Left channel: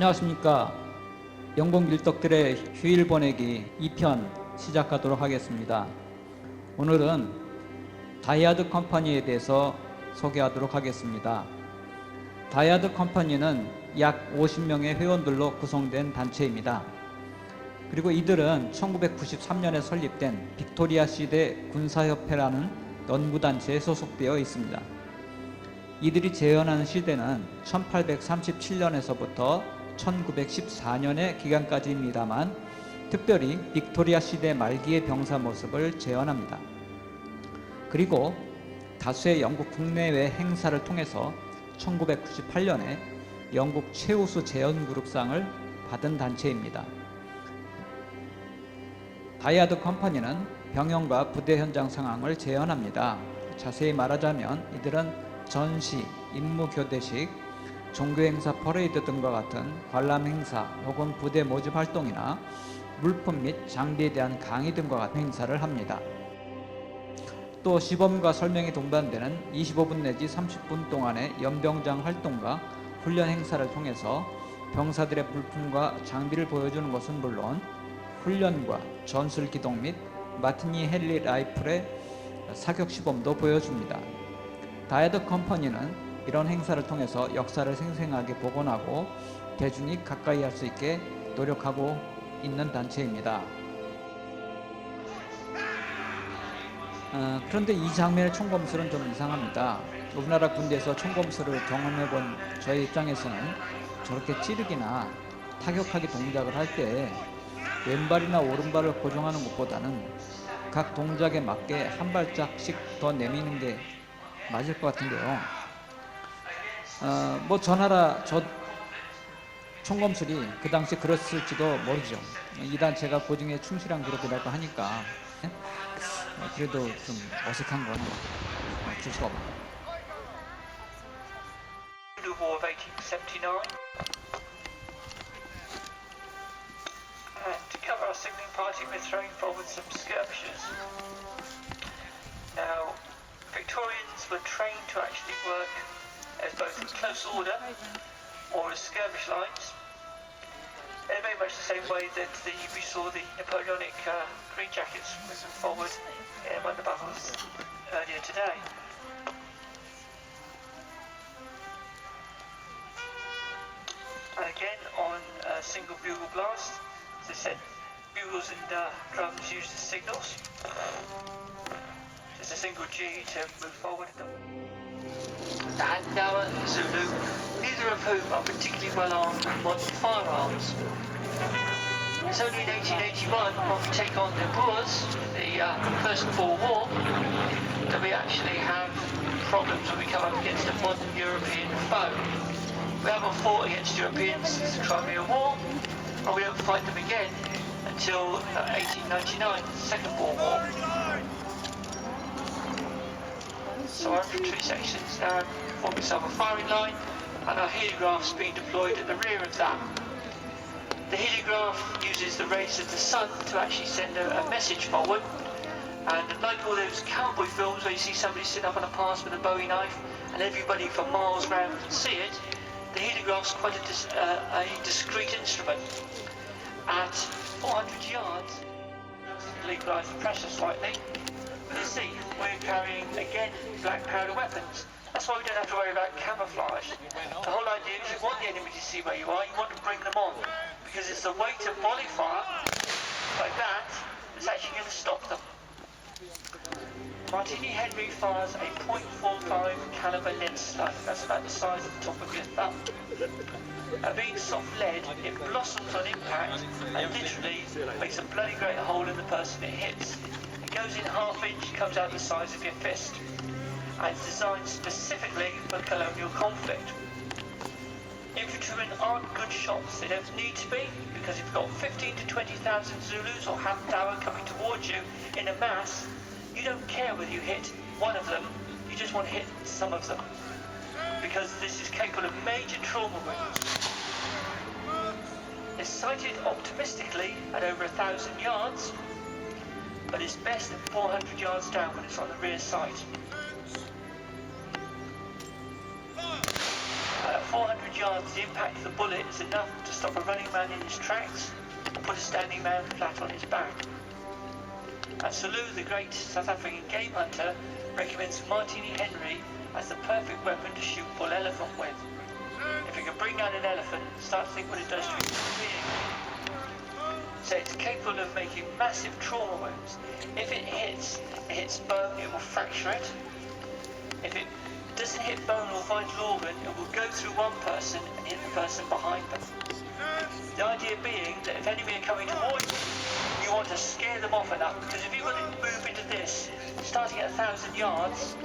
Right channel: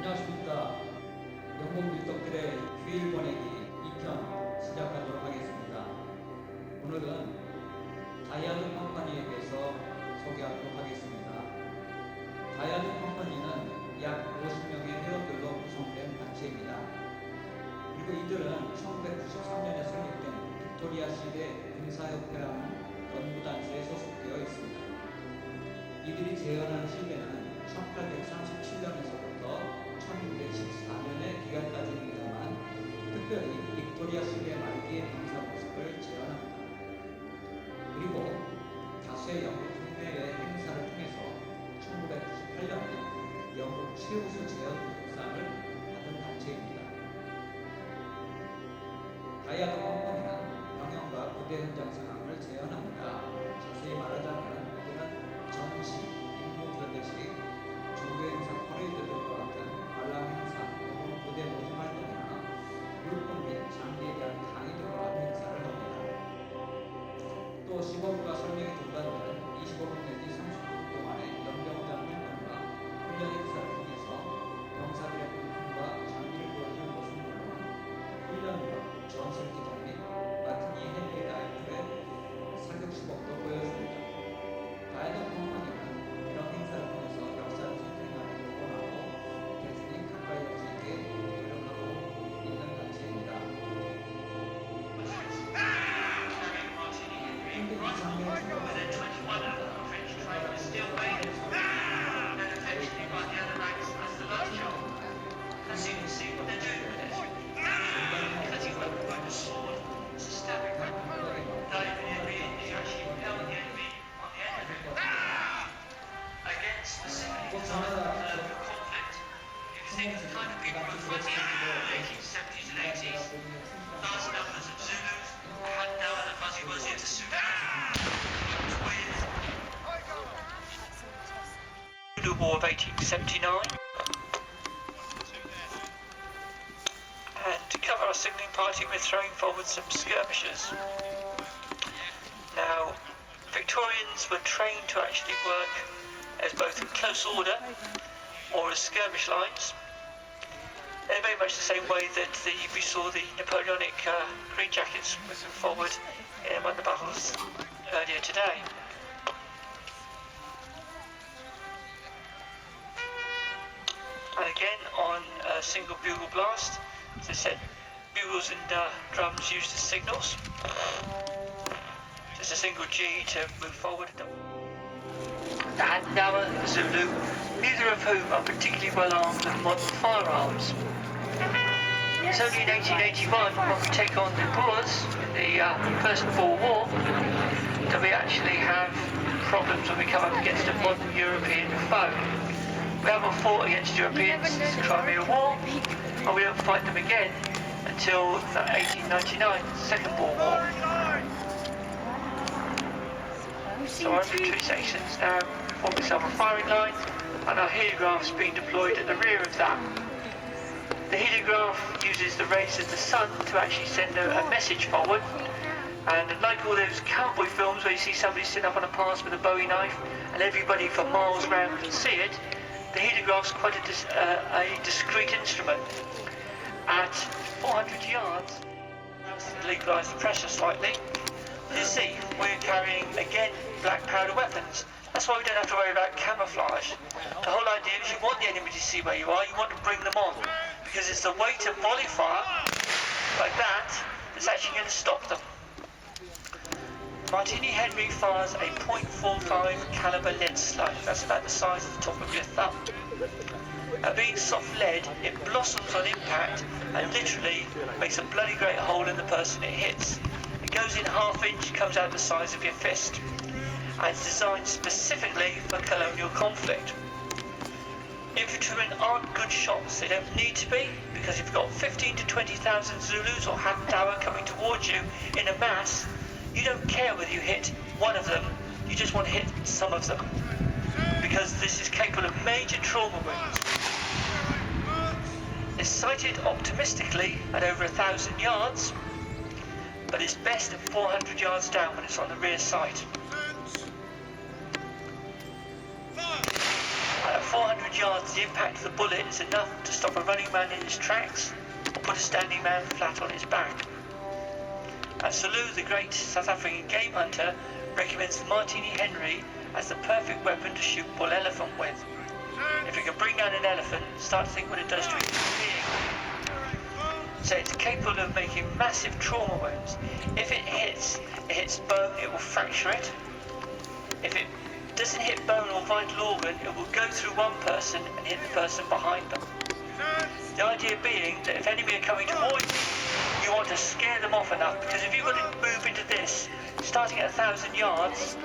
안녕하십니까. 영국 밀덕들의 휴일 보내기 2편 시작하도록 하겠습니다. 오늘은 다이하드 컴퍼니에 대해서 소개하도록 하겠습니다. 다이하드 컴퍼니는 약 50명의 회원들로 구성된 단체입니다. 그리고 이들은 1993년에 설립된 빅토리아 시대 군사협회라는 연구단체에 소속되어 있습니다. 이들이 재현하는 시대는 1837년에서부터 1914년의 기간까지입니다만 특별히 빅토리아 시대 말기의 병사 모습을 재현합니다. 그리고 다수의 영국 국내외 행사를 통해서 1998년에 영국 최우수 재현그룹상을 받은 단체입니다. 다이하드 컴퍼니는 병영과 부대 현장 상황을 재현합니다. 자세히 말하자면 이들은 전시, 임무 교대식, 종교 행사 퍼레이드 등과 같은 관람 행사 혹은 부대 모집 활동이나 물품 및 장비에 대한 강의 등과 같은 행사를 합니다. 또 시범과 설명이 동반되는 25분 내지 30분 동안의 연병장 활동과 훈련 행사를 통해서 병사들의 물품과 장비를 보여주는 것은 물론 훈련과 전술 기동 및 마티니 헨리 라이플의 사격 시범도 보여줍니다. 다이하드 컴퍼니는 이런 행사를 통해서 역사를 생생하게 복원하고 대중이 가까이 할 수 있게 노력하고 있는 단체입니다. 그런데 이 장면의 총검술은 좀 이상합니다. 우리나라 군대에서 총검술을 경험해본 저의 입장에서는 저렇게 찌르기나 타격하기 동작을 할 때 왼발이나 오른발을 고정하는 것보다는 각 동작에 맞게 한 발짝씩 더 내미는 게 맞을 것 같은데요. 저 나라 저 총검술이 그 당시 그랬을지도 모르죠. 이 단체가 고증에 충실한 그룹이라고 하니까 그래도 좀 어색한 건 어쩔 수 없고. The War of 1879, and to cover our signalling party, we're throwing forward some skirmishers. Now, Victorians were trained to actually work as both in close order or as skirmish lines, in very much the same way that we saw the Napoleonic Green Jackets moving forward in one of the battles earlier today. And again on a single bugle blast, as I said, bugles and drums used as signals. Just a single G to move forward. And now Zulu, neither of whom are particularly well armed with modern firearms. It's only in 1881, when we take on the Boers in the First Boer War, that we actually have problems when we come up against a modern European foe. We haven't fought against Europeans since the Crimea War, and we don't fight them again until 1899, the Second Boer War. So our infantry sections now form itself a firing line, and our heliograph is being deployed at the rear of that. The heliograph uses the rays of the sun to actually send a message forward, and like all those cowboy films where you see somebody sitting up on a pass with a Bowie knife and everybody for miles round can see it, the heliograph's quite a discreet instrument. At 400 yards, legalize the pressure slightly. You see, we're carrying, again, black powder weapons. That's why we don't have to worry about camouflage. The whole idea is you want the enemy to see where you are, you want to bring them on. Because it's the weight of volley fire, like that, that's actually going to stop them. Martini Henry fires a .45 caliber lead slug. That's about the size of the top of your thumb. Being soft lead, it blossoms on impact and literally makes a bloody great hole in the person it hits. It goes in ½ inch, comes out the size of your fist, and it's designed specifically for colonial conflict. Infantrymen aren't good shots, they don't need to be, because if you've got 15 to 20,000 Zulus or Hamdawa coming towards you in a mass, you don't care whether you hit one of them, you just want to hit some of them, because this is capable of major trauma wounds. It's sighted optimistically at over 1,000 yards, but it's best at 400 yards down when it's on the rear sight. At 400 yards, the impact of the bullet is enough to stop a running man in his tracks or put a standing man flat on his back. And Salou, the great South African game hunter, recommends Martini Henry as the perfect weapon to shoot bull elephant with. If you can bring down an elephant, start to think what it does to a human being. So it's capable of making massive trauma wounds. If it hits bone, it will fracture it. If it doesn't hit bone or vital organ, it will go through one person and hit the person behind them. The idea being that if enemy are coming towards you, you want to scare them off enough, because if you've got to move into this, starting at 1,000 yards,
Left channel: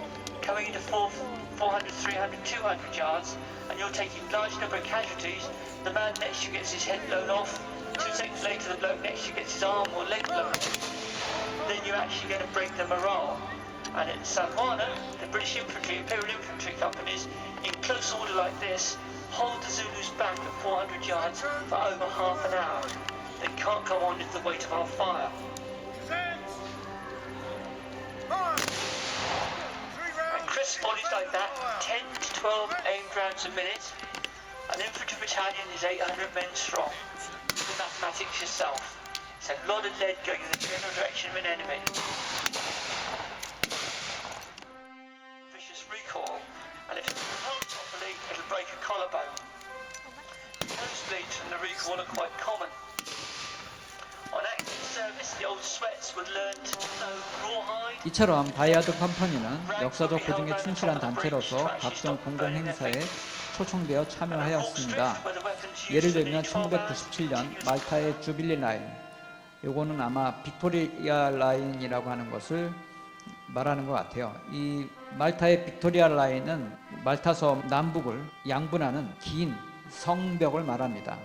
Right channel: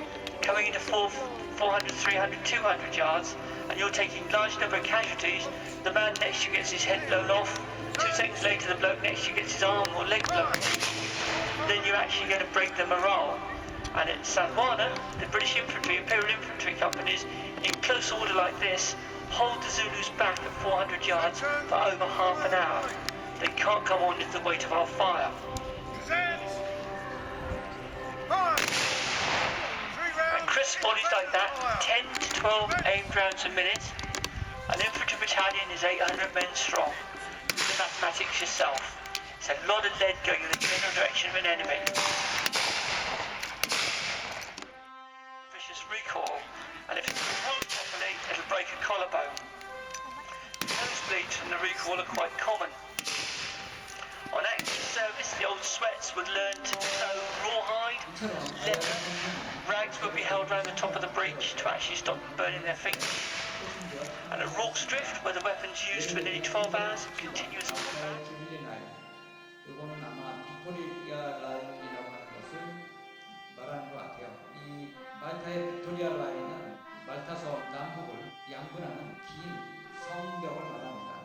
coming into 400, 300, 200 yards, and you're taking large number of casualties, the man next to you gets his head blown off, 2 seconds later the bloke next to you gets his arm or leg blown off, then you're actually going to break the morale. And at Sandwana, the British infantry, Imperial Infantry companies, in close order like this, hold the Zulus back at 400 yards for over half an hour. They can't come on with the weight of our fire. And crisp bodies like that, 10 to 12 aimed rounds a minute. An infantry battalion is 800 men strong. Do the mathematics yourself. It's a lot of lead going in the general direction of an enemy. Vicious recoil, and if it's held properly, it'll break a collarbone. Nosebleeds from the recoil are quite common. On active service, the old sweats would learn to sew rawhide. 이처럼 다이하드 컴퍼니는 역사적 고증에 충실한 단체로서 각종 공공 행사에 초청되어 참여하였습니다. 예를 들면 1997년 말타의 주빌리 라인, 요거는 아마 빅토리아 라인이라고 하는 것을 말하는 것 같아요. 이 말타의 빅토리아 라인은 말타 섬 남북을 양분하는 긴 성벽을 말합니다.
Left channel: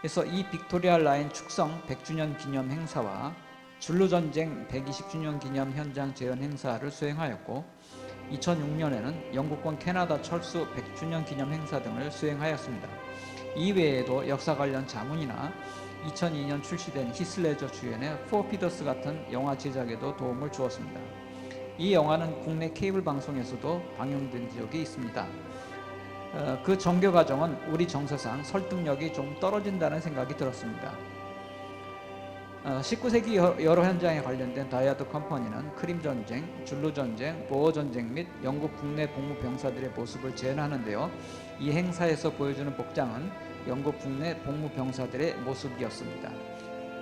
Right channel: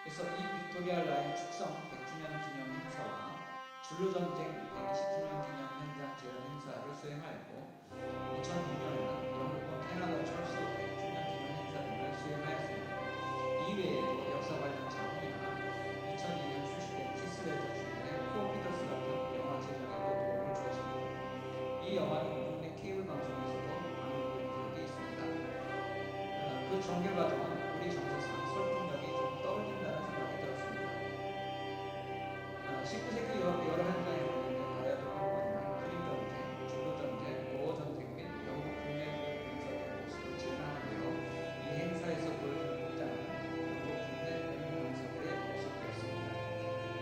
그래서 이 빅토리아 라인 축성 100주년 기념 행사와 줄루전쟁 120주년 기념 현장 재현 행사를 수행하였고, 2006년에는 영국권 캐나다 철수 100주년 기념 행사 등을 수행하였습니다. 이외에도 역사 관련 자문이나 2002년 출시된 히슬레저 주연의 포피더스 같은 영화 제작에도 도움을 주었습니다. 이 영화는 국내 케이블 방송에서도 방영된 적이 있습니다. 그 정교 과정은 우리 정서상 설득력이 좀 떨어진다는 생각이 들었습니다. 19세기 여러 현장에 관련된 다이하드 컴퍼니는 크림전쟁, 줄루전쟁, 보어전쟁 및 영국 국내 복무병사들의 모습을 재현하는데요. 이 행사에서 보여주는 복장은 영국 국내 복무병사들의 모습이었습니다.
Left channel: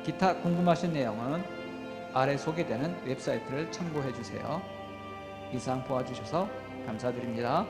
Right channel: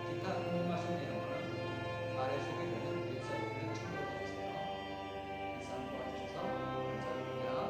기타 궁금하신 내용은 아래 소개되는 웹사이트를 참고해 주세요. 이상 보아주셔서 감사드립니다.